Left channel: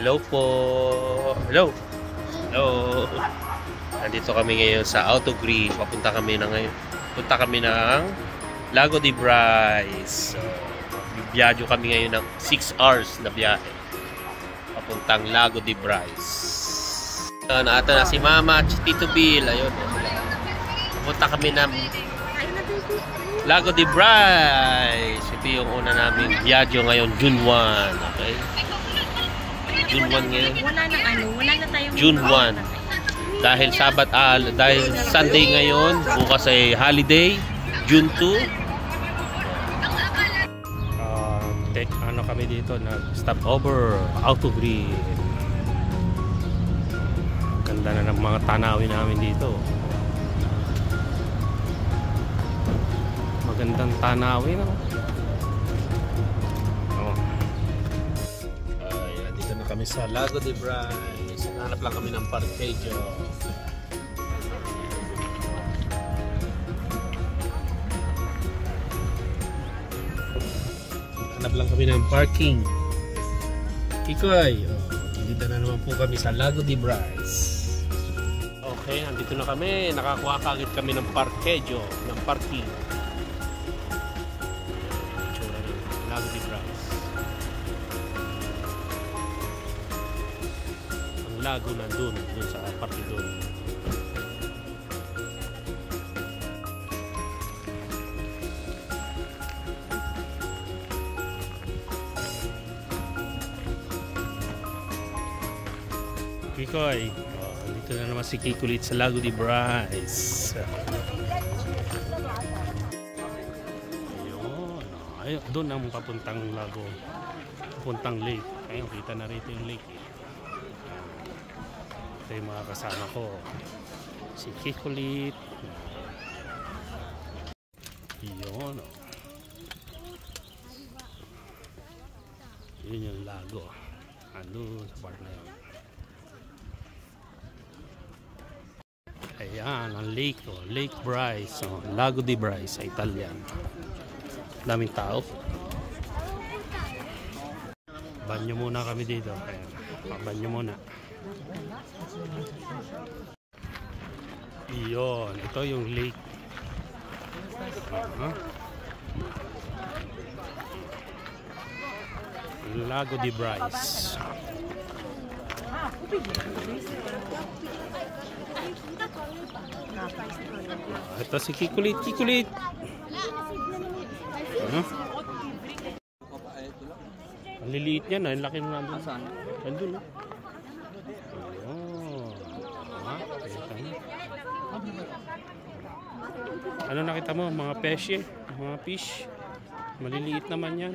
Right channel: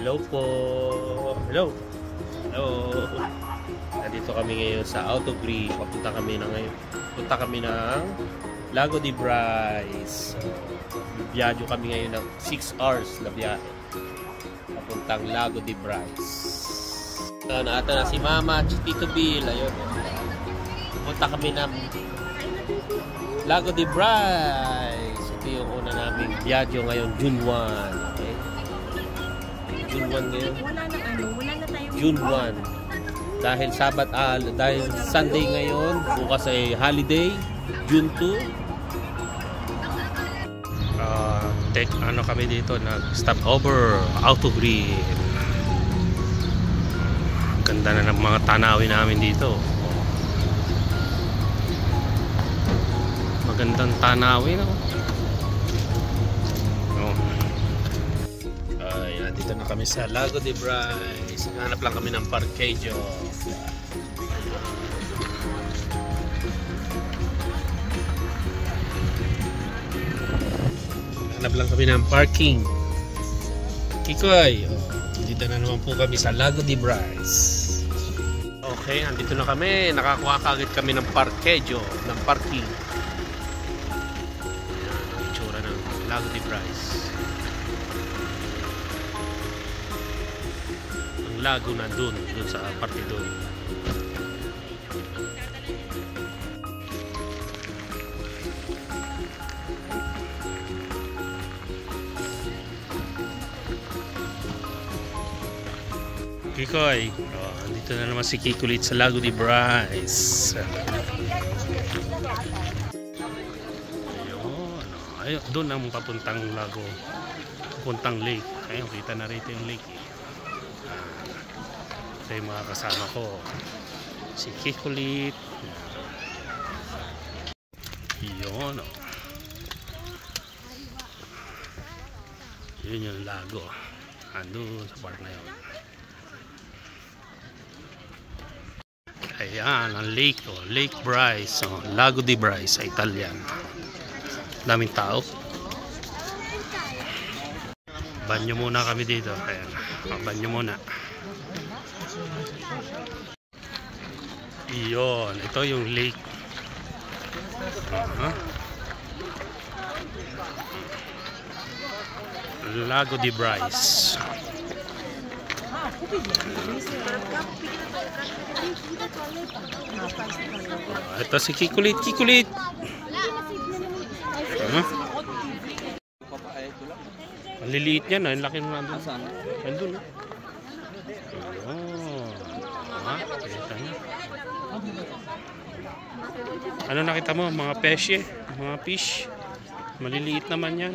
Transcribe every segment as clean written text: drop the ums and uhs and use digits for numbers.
Hello po. Hello. Hello. Nandito kami ngayon sa Autogrill. Punta kami ng Lago de Brais. Bibiyadyo kami ngayon ng 6 hours na biyahe. Papuntang Lago de Brais. Naata na si Mama, Tito Bill. Ayun. Punta kami ng Lago de Brais. Ito yung una naming biyadyo ngayon, June 1. Okay? June 1 ngayon. Wala na tayong June 1. Dahil Sunday ngayon, bukas ay holiday, June 2. Kami dito, nag-stop over Autogrill. Ganda na ng mga tanawin namin dito. Magandang tanawin, no? Dito na kami sa Lago de Brais. Hanap lang kami ng parkejo. Hanap lang kami ng parking. Kikoy, dito na naman po kami sa Lago de Brais. Okay, andito na kami. Nakakuha kagad kami ng parkejo, ng parking. Ayan ang itsura ng Lago de Brais. Lago na dun sa parte dun. Kikoy, dito na naman si Kiko ulit sa Lago de Brais. Ayun, doon ang papuntang lago, papuntang lake. Ayun, kita na rito yung lake. Ito yung mga kasama ko, si Kikulit. Yun, yun yung lago, andun sa part na yun. Ayan ang lake, Lake Brais, Lago de Brais sa Italian. Daming tao. Banyo muna kami dito. Ayan, banyo muna. Iyon, ito yung lake. Lago de Brais. Ito si Kikulit. Ang liliit niya na, ang laki na nandun. Nandun na. Kita niya. Ano nakita mo? Mga pesye, mga fish. Maliliit naman yan.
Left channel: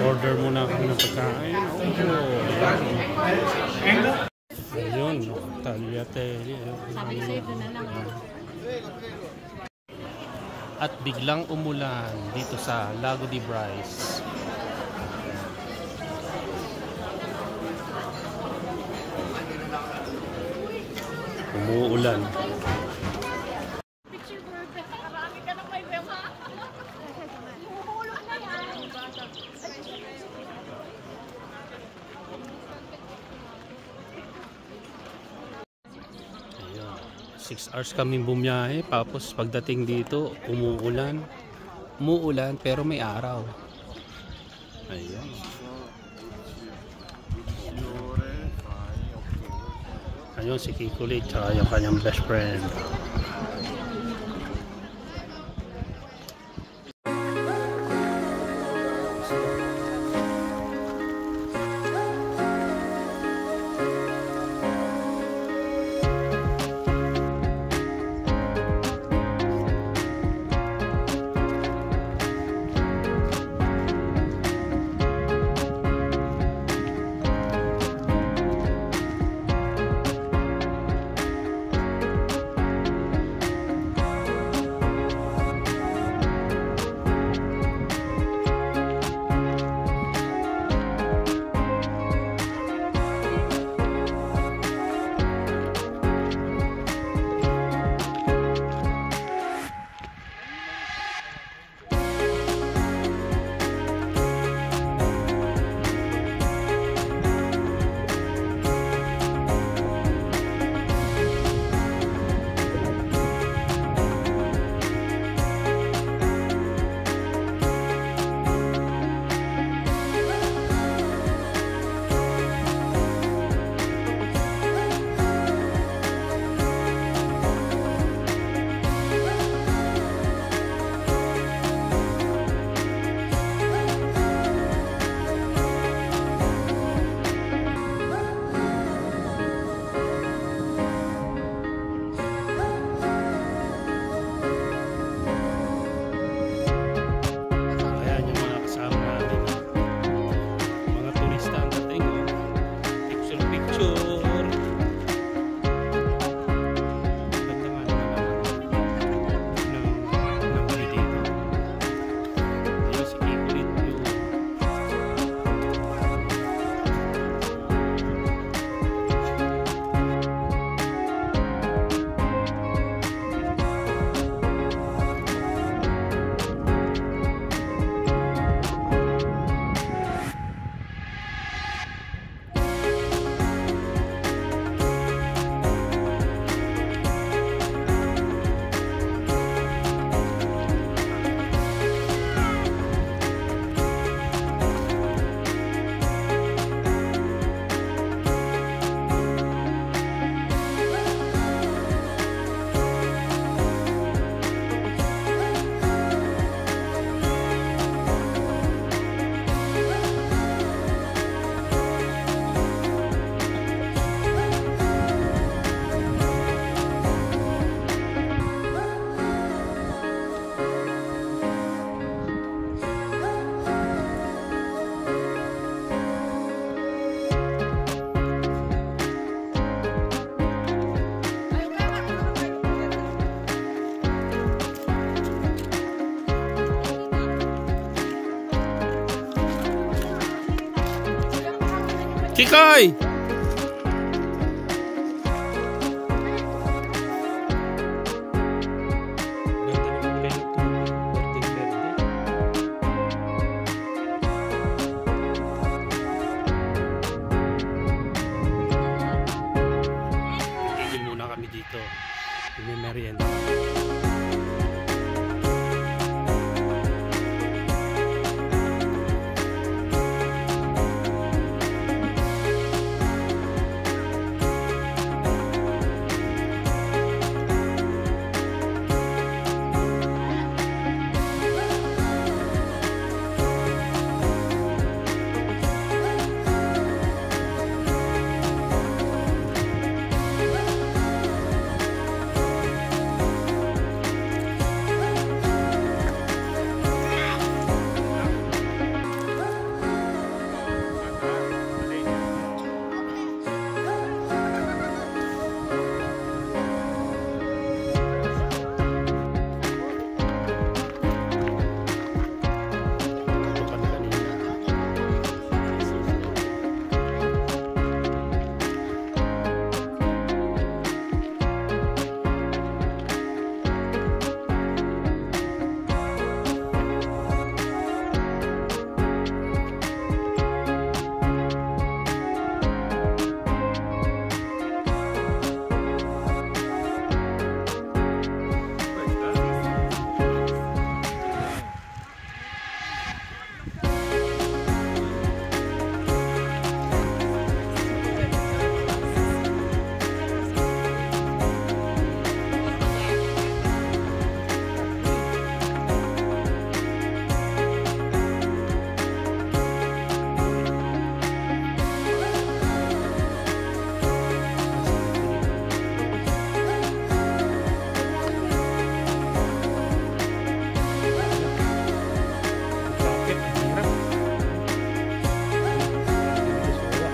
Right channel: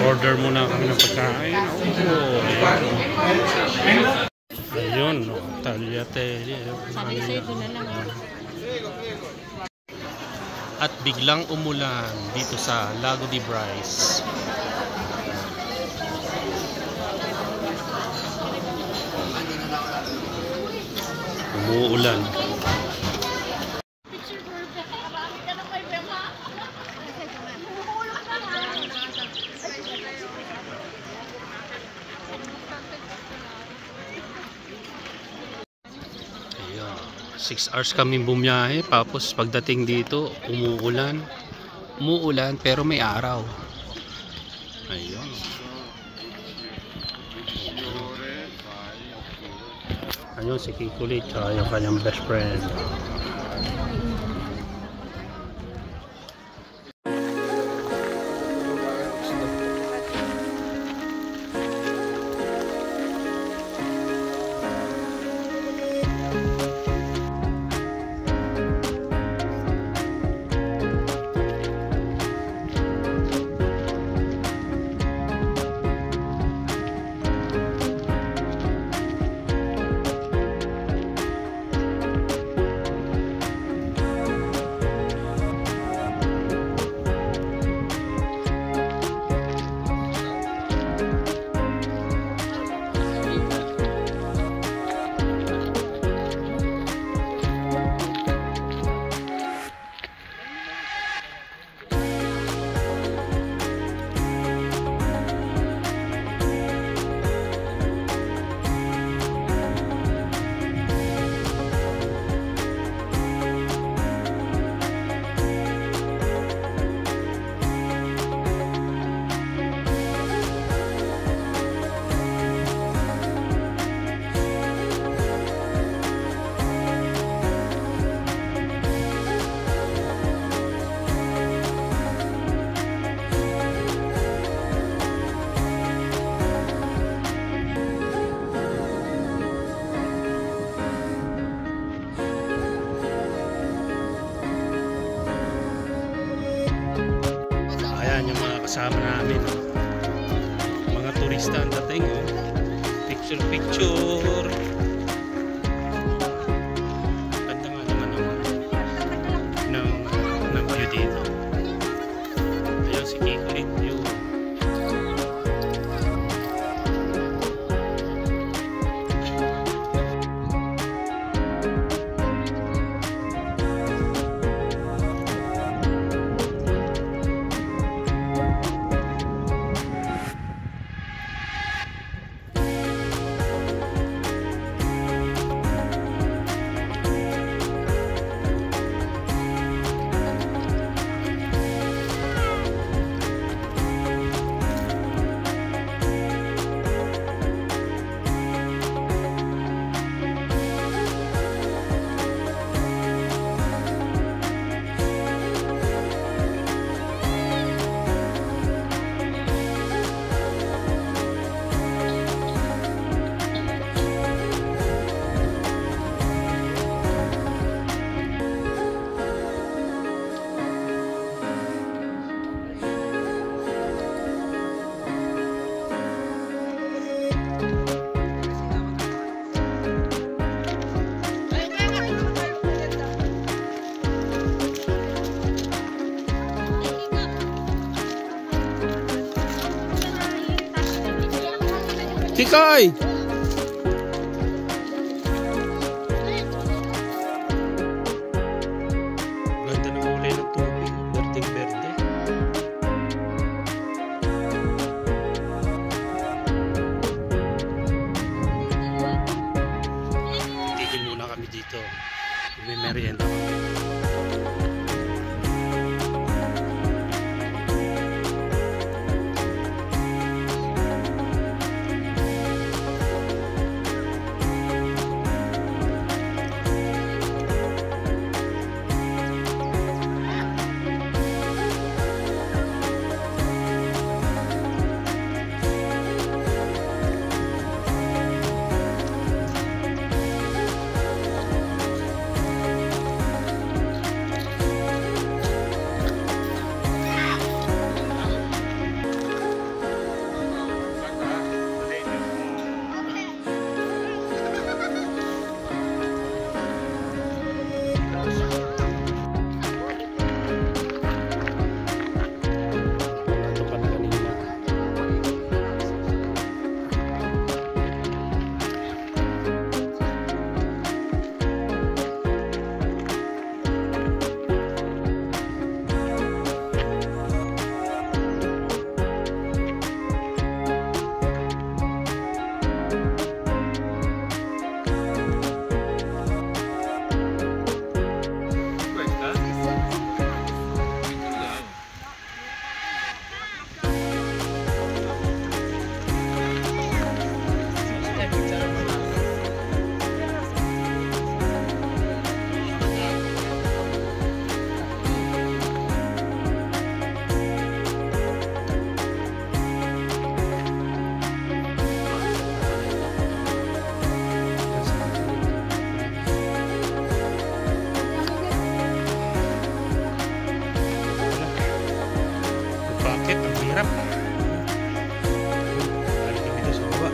Order muna kami ng pagkain. Ayun, tagliatelle. At biglang umulan dito sa Lago de Brais. Umuulan. Ayan, 6 hours kami bumiyahe, tapos pagdating dito umuulan pero may araw. Ayun. Ayun si Kikulit, yung kanyang best friend. Yan yung mga kasama namin, oh. Mga turista ang dating, oh. Picture picture. Ganda nga naman ng view dito. Ayun si Kikulit yun. Kikoy! Ganda ng kulay ng tubig. Berdeng-berde. Titigil muna kami dito. May merienda kami. Bakit? Ang hirap. Narinig dito sa baba.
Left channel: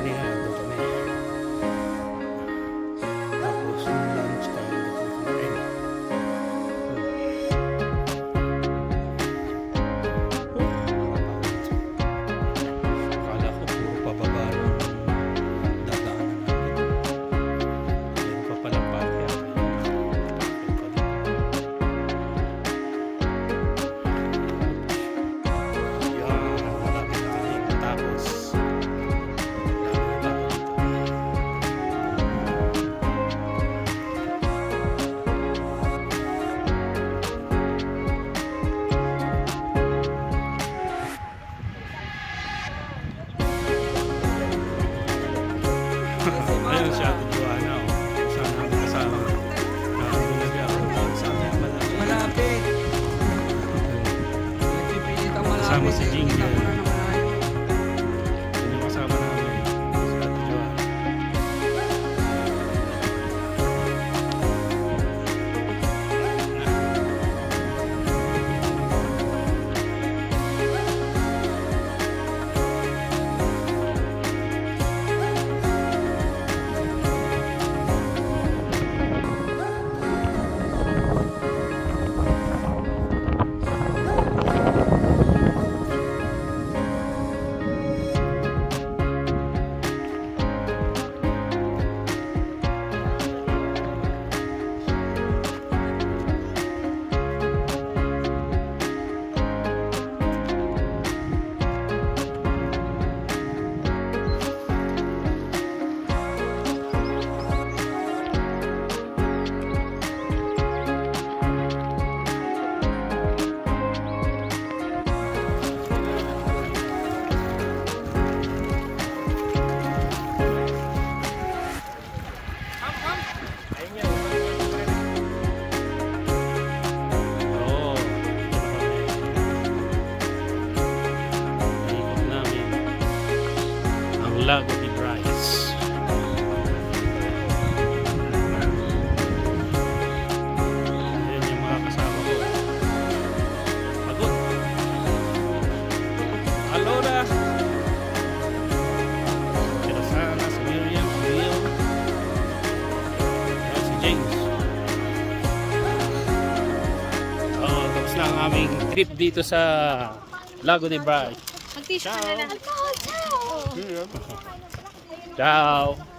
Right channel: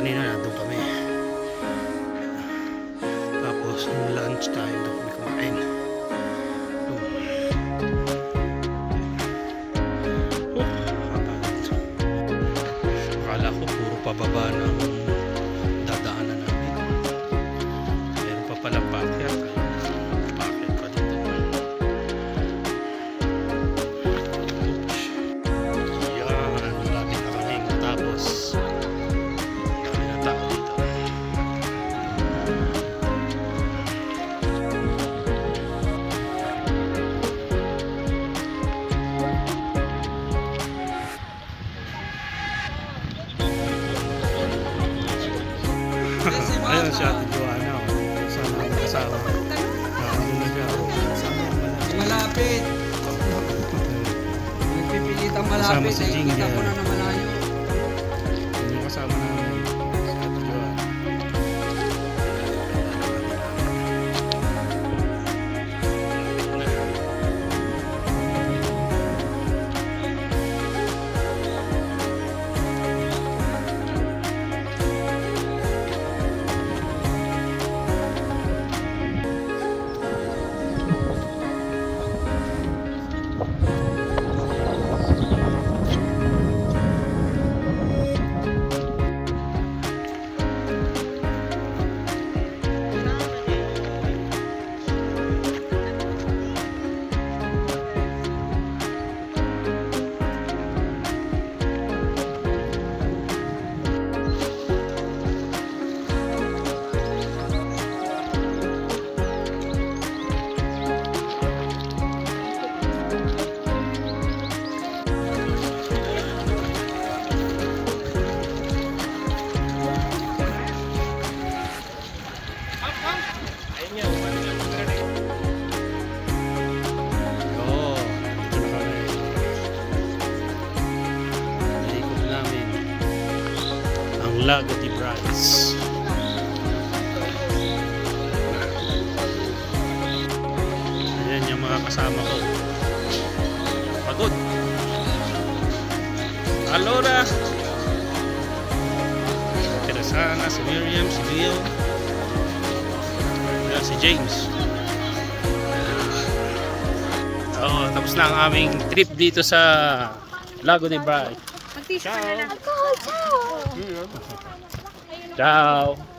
Kanina nandun kami. Tapos lunch time doon kami kumain. Kapagod. Akala ko puro pababa ng dadaanan namin. Meron pa palang pakyat. Tapos dami ng tao dito. Ayun si Ate Joanna, oh. Sana namin kasama. Nandun na siya, oh. Malapit. Nagpipilitang malapit. Kasama si Jingle. Yun yung kasama namin. Si Ate Joanna. Malapit na. Lago de Bryce. Ayan yung mga kasama ko. Pagod. Alora. Si Rosana, si Miriam, si Leo. Ayan, si James. Tapos na ang aming trip dito sa Lago de Bryce. Mag-tissue Ciao. na lang. Alcohol, ciao! Ciao.